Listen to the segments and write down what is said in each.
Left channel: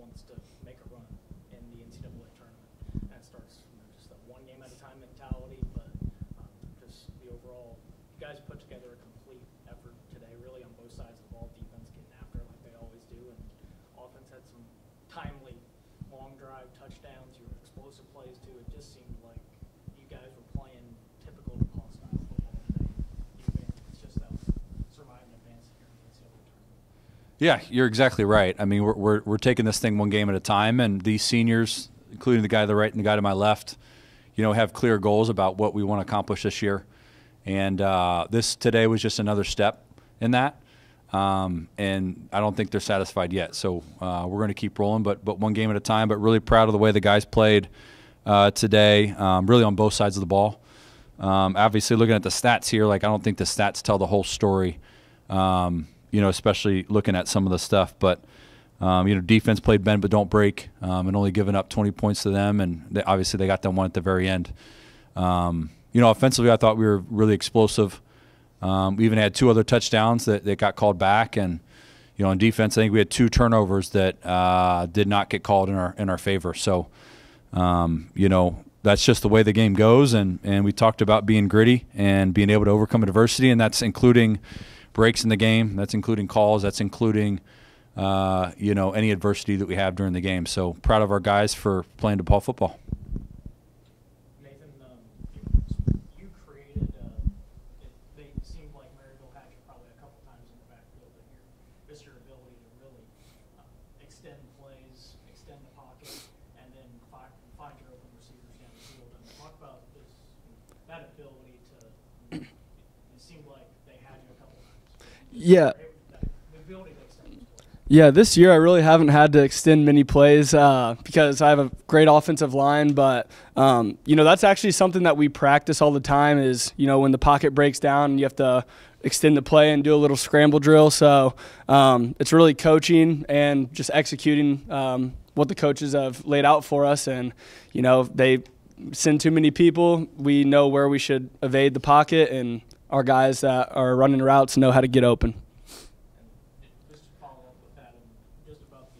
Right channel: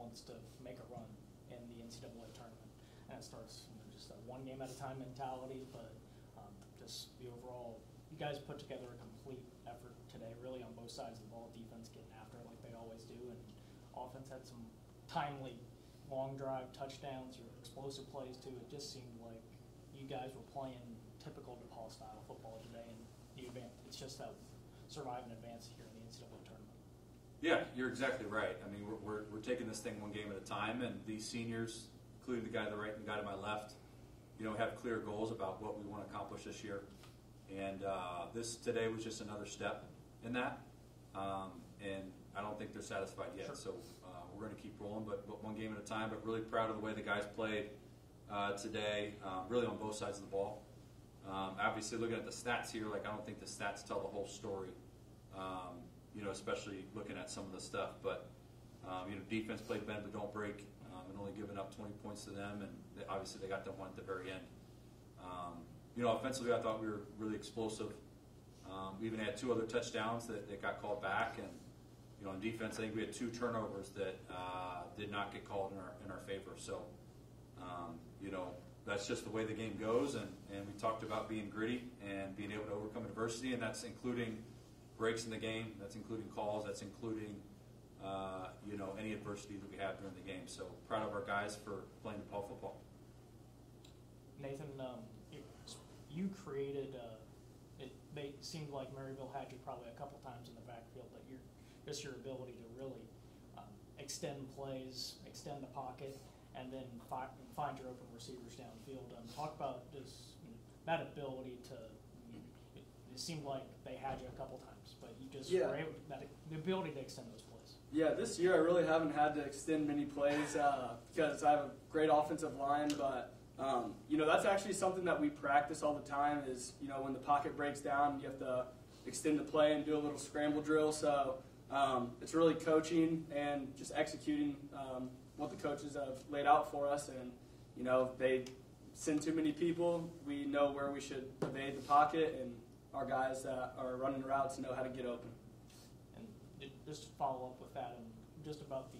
wants to make a run in the NCAA tournament. And it starts just a one game at a time mentality, but just the overall, you guys put together a complete effort today, really on both sides of the ball. Defense getting after it like they always do, and offense had some timely long drive touchdowns, your explosive plays too. It just seemed like you guys were playing typical DePauw style football today, and it's just a survive and advance here in the NCAA tournament. Yeah, you're exactly right. I mean, we're taking this thing one game at a time, and these seniors, including the guy to the right and the guy to my left, have clear goals about what we want to accomplish this year. And this today was just another step in that. And I don't think they're satisfied yet. So we're going to keep rolling, but one game at a time. But really proud of the way the guys played today, really on both sides of the ball. Obviously, looking at the stats here, I don't think the stats tell the whole story, especially looking at some of the stuff. But, defense played bend but don't break, and only giving up 20 points to them. And obviously they got that one at the very end. Offensively, I thought we were really explosive. We even had 2 other touchdowns that got called back. And, on defense, I think we had 2 turnovers that did not get called in our favor. So, that's just the way the game goes. And we talked about being gritty and being able to overcome adversity, and that's including breaks in the game. That's including calls. That's including, any adversity that we have during the game. So proud of our guys for playing DePauw football. Nathan, you created it seemed like Maryville had you probably a couple times in the backfield, but your ability to really extend plays, extend the pocket, and then find your open receivers down the field. And talk about just that ability to. It seemed like they had you a couple times. Yeah. The ability to extend those plays. Yeah, this year I really haven't had to extend many plays because I have a great offensive line. But, that's actually something that we practice all the time is, when the pocket breaks down and you have to extend the play and do a little scramble drill. So it's really coaching and just executing what the coaches have laid out for us. And, they send too many people. We know where we should evade the pocket, and our guys that are running routes know how to get open. And just to follow up with that, and just about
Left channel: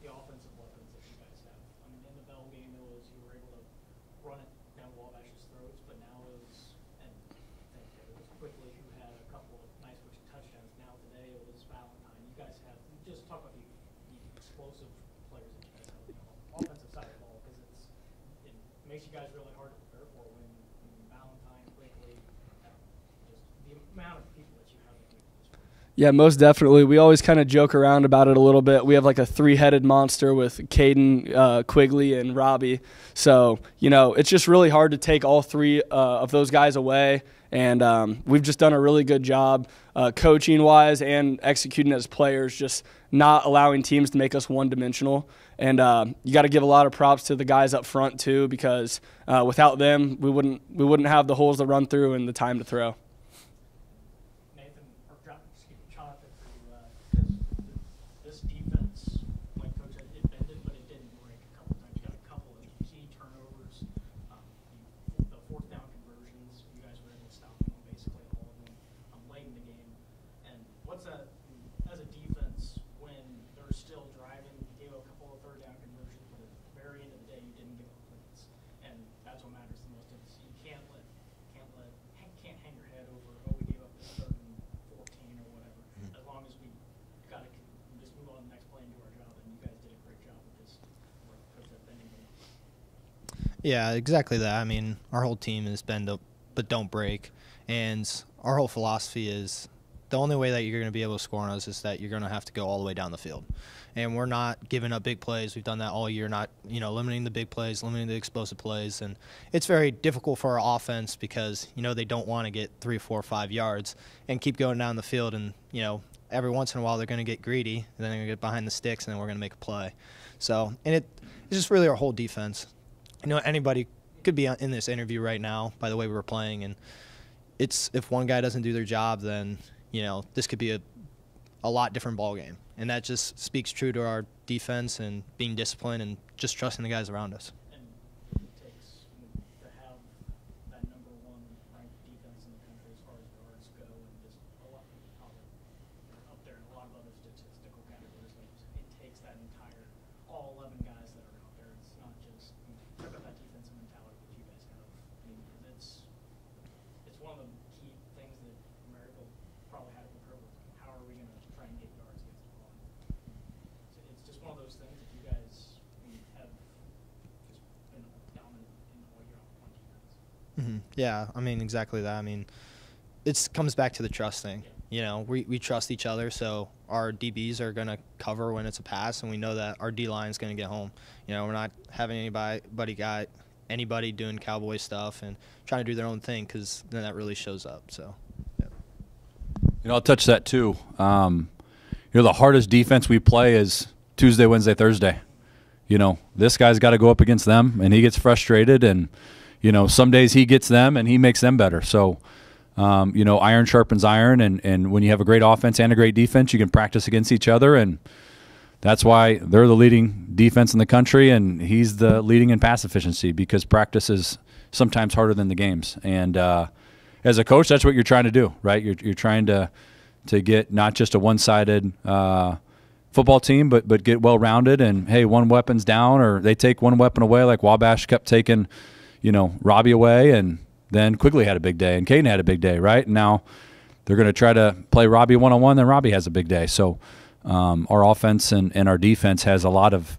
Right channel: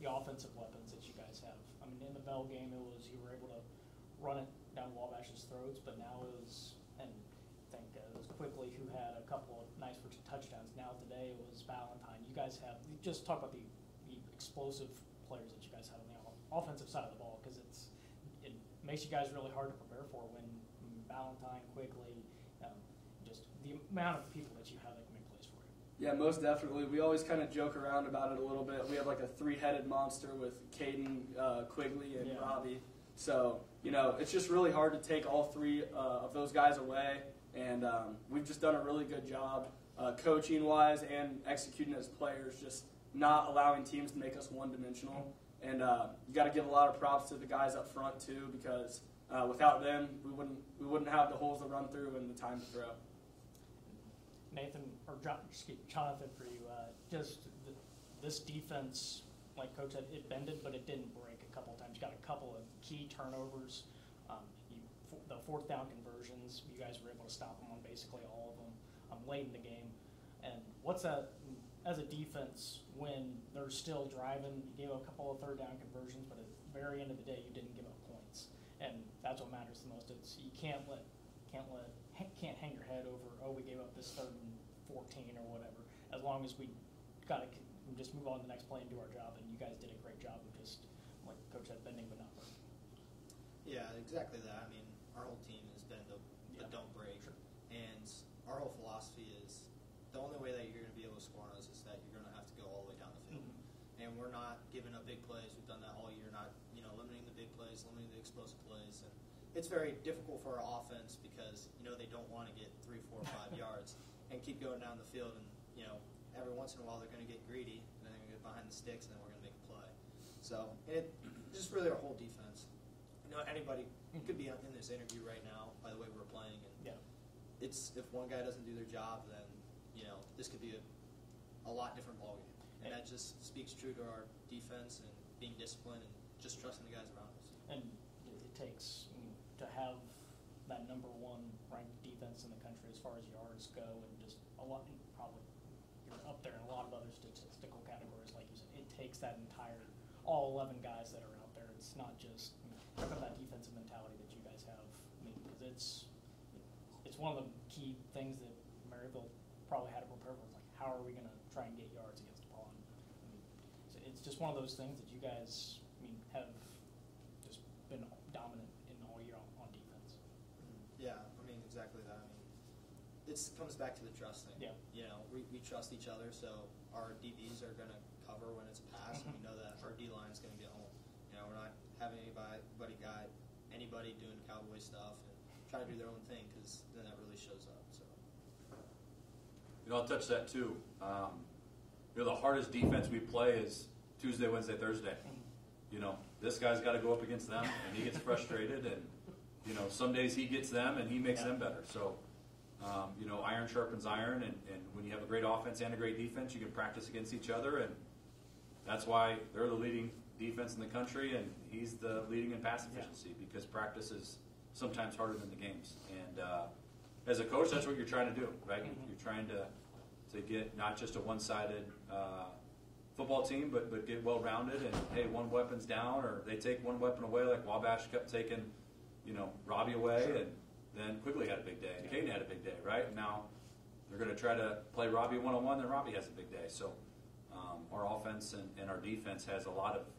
the offensive weapons that you guys have. I mean, in the Bell game, you were able to run it down Wabash's throats, but now it was Quigley who had a couple of nice touchdowns. Now today it was Valentine. You guys have just talk about the explosive players that you guys have on the offensive side of the ball, because it makes you guys really hard to prepare for when Valentine, Quigley, just the amount of people that you have that can make plays for. Yeah, most definitely. We always kind of joke around about it a little bit. We have like a 3-headed monster with Caden, Quigley, and Robbie. So, it's just really hard to take all 3 of those guys away. And we've just done a really good job coaching-wise and executing as players, just not allowing teams to make us one-dimensional. And you got to give a lot of props to the guys up front too, because without them, we wouldn't have the holes to run through and the time to throw. Nathan, or Jonathan, for you, just this defense, like Coach said, it bended, but it didn't break a couple times. You got a couple of key turnovers. The 4th down conversions, you guys were able to stop them on basically all of them late in the game. And what's that as a defense when they're still driving? You gave a couple of 3rd down conversions, but at the very end of the day, you didn't give up points, and that's what matters the most. It's you can't hang your head over, we gave up this 3rd and 14 or whatever. As long as we got to just move on to the next play and do our job, and you guys did a great job of just, like Coach said, bending it up. Yeah, exactly that. I mean, our whole team is bend up but don't break, and our whole philosophy is the only way that you're going to be able to score on us is that you're going to have to go all the way down the field. And we're not giving up big plays. We've done that all year, not limiting the big plays, limiting the explosive plays. And it's very difficult for our offense because, they don't want to get 3, 4, 5 yards and keep going down the field. And, every once in a while they're going to get greedy, and then they're going to get behind the sticks, and then we're going to make a play. So, and it's just really our whole defense. Anybody could be in this interview right now by the way we were playing, and it's if one guy doesn't do their job, then this could be a lot different ball game, and that just speaks true to our defense and being disciplined and just trusting the guys around us. And it takes to have that #1 ranked defense in the country as far as yards go, and just a lot up there in a lot of other statistical categories. Like you said, it takes that entire all 11 guys that are out there. It's not just talk about that defensive mentality that you guys have. I mean, 'cause it's one of the key things that Maryville probably had to prepare for. Like, how are we going to try and get yards against DePauw? So it's just one of those things that you guys have just been dominant in all year on defense. Mm-hmm. Yeah, I mean, exactly that. I mean, it comes back to the trust thing. Yeah. You know, we trust each other, so our DBs are going to cover when it's a pass, and we know that our D-line is going to get home. You know, we're not having anybody doing Cowboy stuff and trying to do their own thing, because then that really shows up. So, yeah. You know, I'll touch that too. The hardest defense we play is Tuesday, Wednesday, Thursday. You know, this guy's got to go up against them, and he gets frustrated, and, you know, some days he gets them and he makes them better. So, iron sharpens iron, and when you have a great offense and a great defense, you can practice against each other, and that's why they're the leading defense in the country, and he's the leading in pass efficiency, because practice is sometimes harder than the games. And as a coach, that's what you're trying to do, right? You're trying to get not just a one-sided football team, but get well-rounded, and, hey, one weapon's down, or they take one weapon away, like Wabash kept taking, Robbie away, and then Quigley had a big day, and Caden had a big day, right? And now they're going to try to play Robbie one-on-one, then Robbie has a big day. So our offense and our defense has a lot of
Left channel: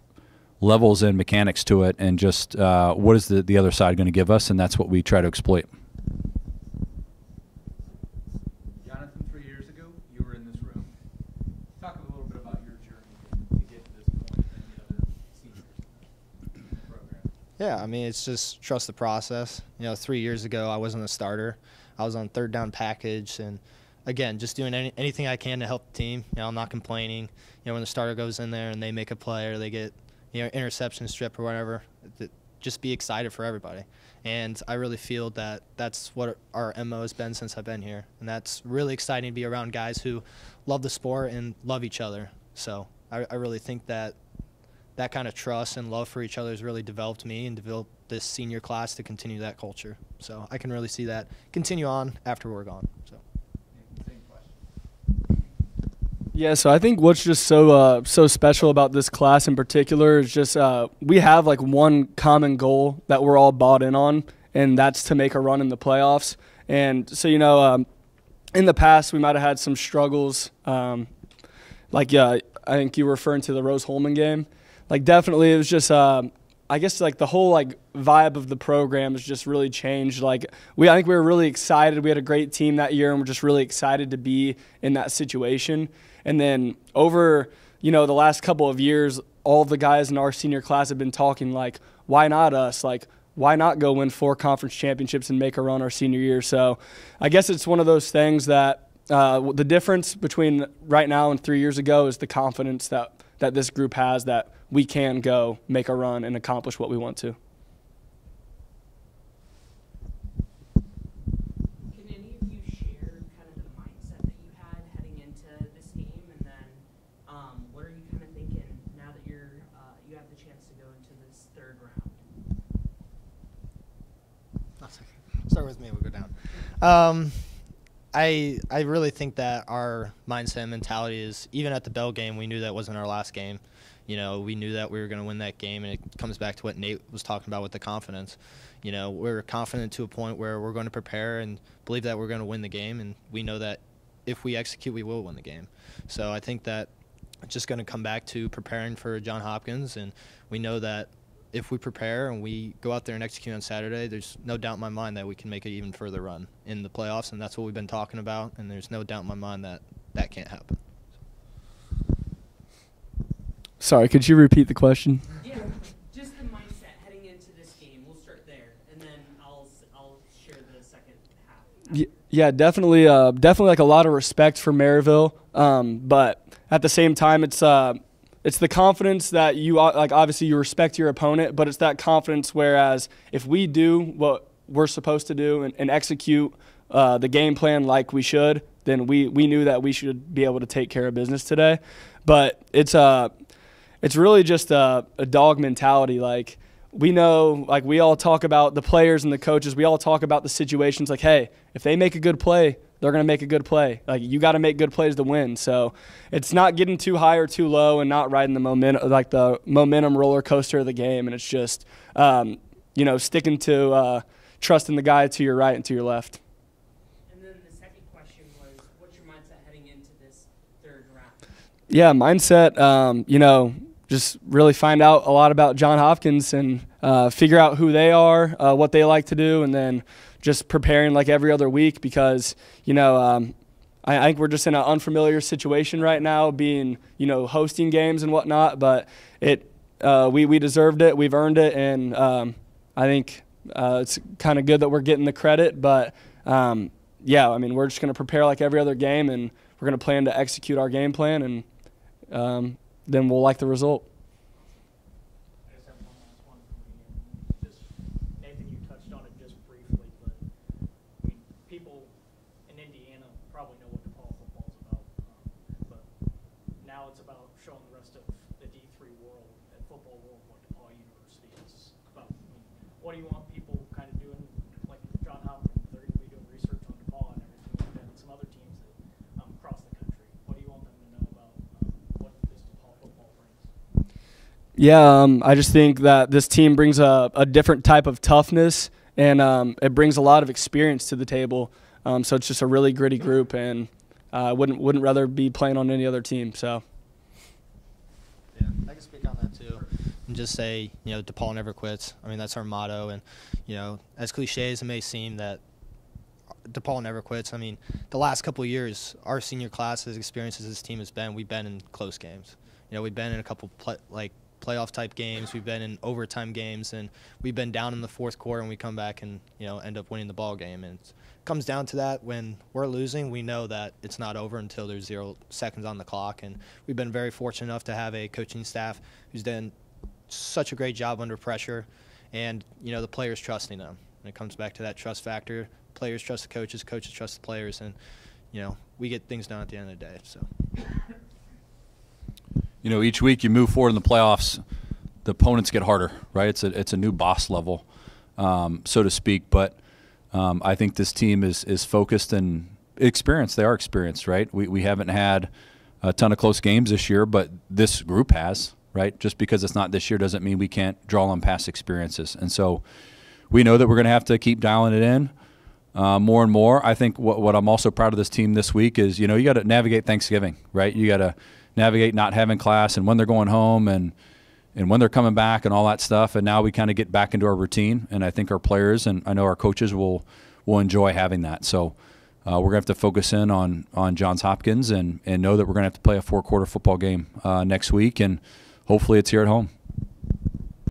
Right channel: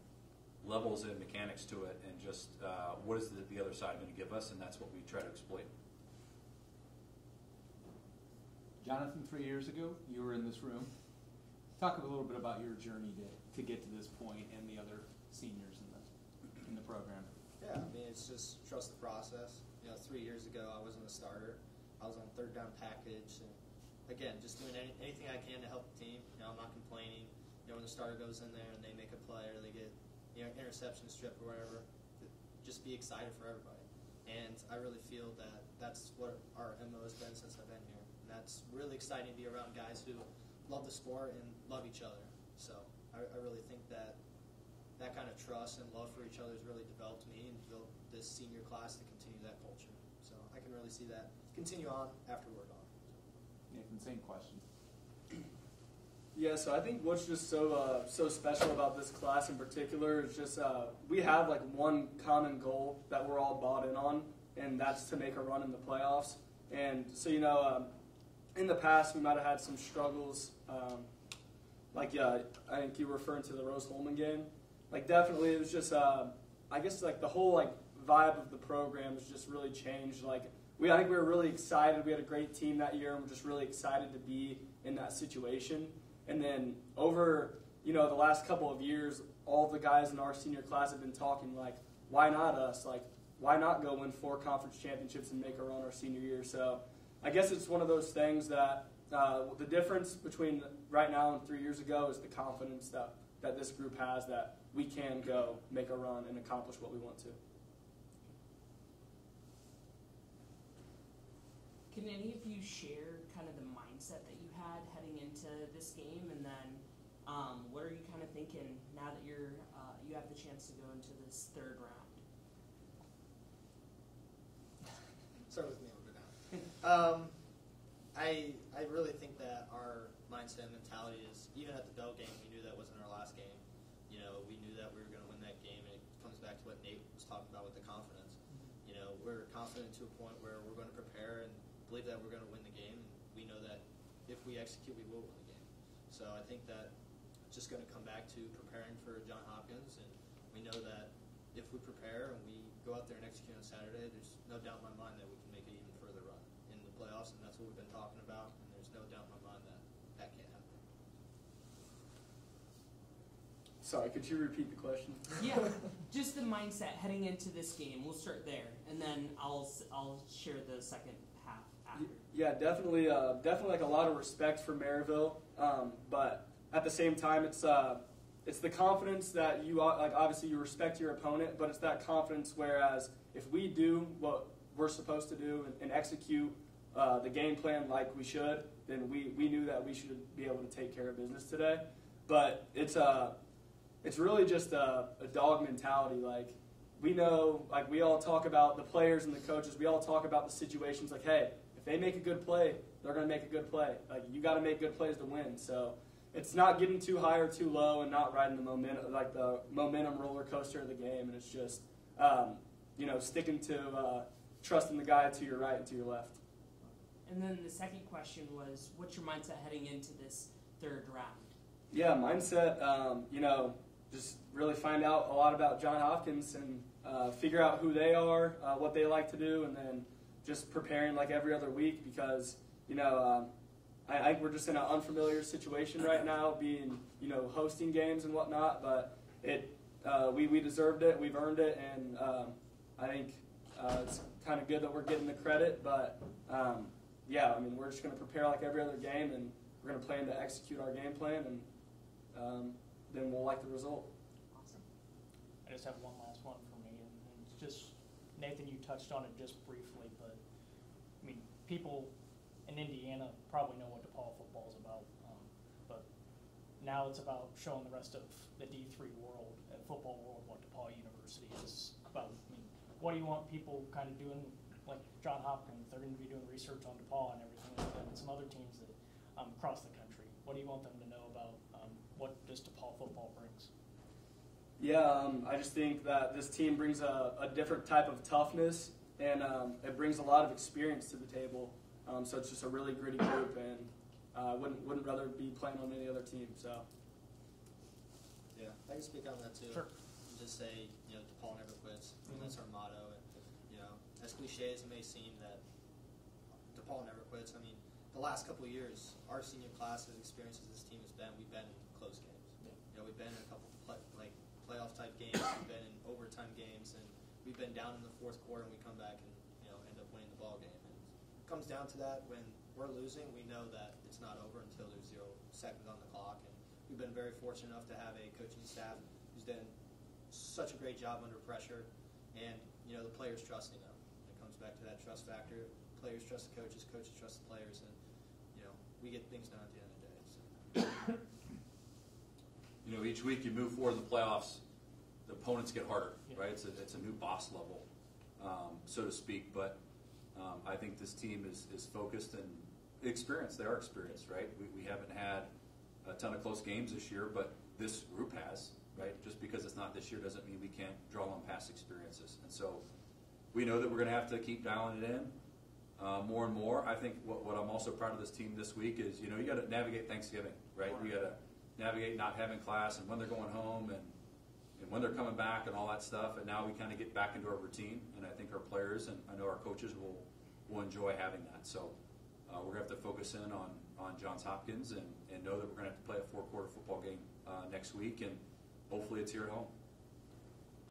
levels and mechanics to it, and just what is the other side going to give us, and that's what we try to exploit. Jonathan, 3 years ago, you were in this room. Talk a little bit about your journey to get to this point and the other seniors in the program. Yeah, I mean, it's just trust the process. 3 years ago, I wasn't a starter. I was on third down package, and again, just doing anything I can to help the team. I'm not complaining. When the starter goes in there and they make a play, or they get interception strip or whatever, just be excited for everybody. And I really feel that that's what our MO has been since I've been here, and that's really exciting to be around guys who love the sport and love each other. So I really think that kind of trust and love for each other has really developed me and developed this senior class to continue that culture. So I can really see that continue on after we're gone. So. Same question. Yeah, so I think what's just so special about this class in particular is just we have like one common goal that we're all bought in on, and that's to make a run in the playoffs. And so, in the past we might have had some struggles. I think you were referring to the Rose-Holman game. Like, definitely it was just I guess like the whole like vibe of the program has just really changed. Like I think we were really excited. We had a great team that year, and we're just really excited to be in that situation. And then over, the last couple of years, all the guys in our senior class have been talking like, why not us? Like, why not go win 4 conference championships and make a run our senior year? So I guess it's one of those things that the difference between right now and 3 years ago is the confidence that this group has that we can go make a run and accomplish what we want to. Can any of you share kind of the mindset that you had heading into this game, and then what are you kind of thinking now that you have the chance to go into this third round? Start with me, we'll go down. I really think that our mindset and mentality is, even at the Bell game, we knew that wasn't our last game. We knew that we were going to win that game, and it comes back to what Nate was talking about with the confidence. We're confident to a point where we're going to prepare and believe that we're going to win the game, and we know that if we execute, we will win the game. So I think that it's just going to come back to preparing for John Hopkins, and we know that if we prepare and we go out there and execute on Saturday, there's no doubt in my mind that we can make an even further run in the playoffs, and that's what we've been talking about, and there's no doubt in my mind that that can't happen. Sorry, could you repeat the question? Yeah, just the mindset heading into this game. We'll start there, and then I'll share the second half. Yeah, definitely like a lot of respect for Maryville, but at the same time, it's the confidence that you like. Obviously, you respect your opponent, but it's that confidence. Whereas if we do what we're supposed to do and execute the game plan like we should, then we knew that we should be able to take care of business today. But it's really just a dog mentality. Like we know, like, we all talk about the players and the coaches. We all talk about the situations like, hey, if they make a good play, they're going to make a good play. Like, you got to make good plays to win. So it's not getting too high or too low and not riding the momentum roller coaster of the game. And it's just, sticking to trusting the guy to your right and to your left. And then the second question was, what's your mindset heading into this third round? Yeah, mindset, just really find out a lot about Johns Hopkins and figure out who they are, what they like to do, and then just preparing like every other week because, I think we're just in an unfamiliar situation right now being, hosting games and whatnot, but we deserved it. We've earned it, and I think it's kind of good that we're getting the credit, but we're just going to prepare like every other game, and we're going to plan to execute our game plan, and then we'll like the result. I just have one last one for me. And just, Nathan, you touched on it just briefly, but people in Indiana probably know what DePauw football is about. But now it's about showing the rest of the D3 world and football world what DePauw University is about. What do you want people kind of doing, like John Hopkins? They're going to be doing research on DePauw and everything like that, and some other teams that across the country. What do you want them to know about what this DePauw football brings? Yeah, I just think that this team brings a different type of toughness, and it brings a lot of experience to the table. So it's just a really gritty group, and I wouldn't rather be playing on any other team. So. Yeah, I can speak on that too. And just say, DePauw never quits. I mean, that's our motto. And, as cliche as it may seem that DePauw never quits, I mean, the last couple of years, our senior classes, experiences this team has been, we've been in close games. We've been in a couple playoff-type games. We've been in overtime games. And we've been down in the fourth quarter, and we come back and, end up winning the ball game. And it comes down to that. When we're losing, we know that it's not over until there's 0 seconds on the clock. And we've been very fortunate enough to have a coaching staff who's done such a great job under pressure, and the players trusting them. And it comes back to that trust factor. Players trust the coaches, coaches trust the players, and we get things done at the end of the day. So, each week you move forward in the playoffs, the opponents get harder, right? It's a new boss level, so to speak. But I think this team is focused and experienced. They are experienced, right? We haven't had a ton of close games this year, but this group has. Right? Just because it's not this year doesn't mean we can't draw on past experiences. And so we know that we're going to have to keep dialing it in more and more. I think what I'm also proud of this team this week is, you got to navigate Thanksgiving, right? You got to navigate not having class and when they're going home and when they're coming back and all that stuff. And now we kind of get back into our routine. And I think our players and I know our coaches will enjoy having that. So we're going to have to focus in on Johns Hopkins and know that we're going to have to play a 4-quarter football game next week. And hopefully it's here at home.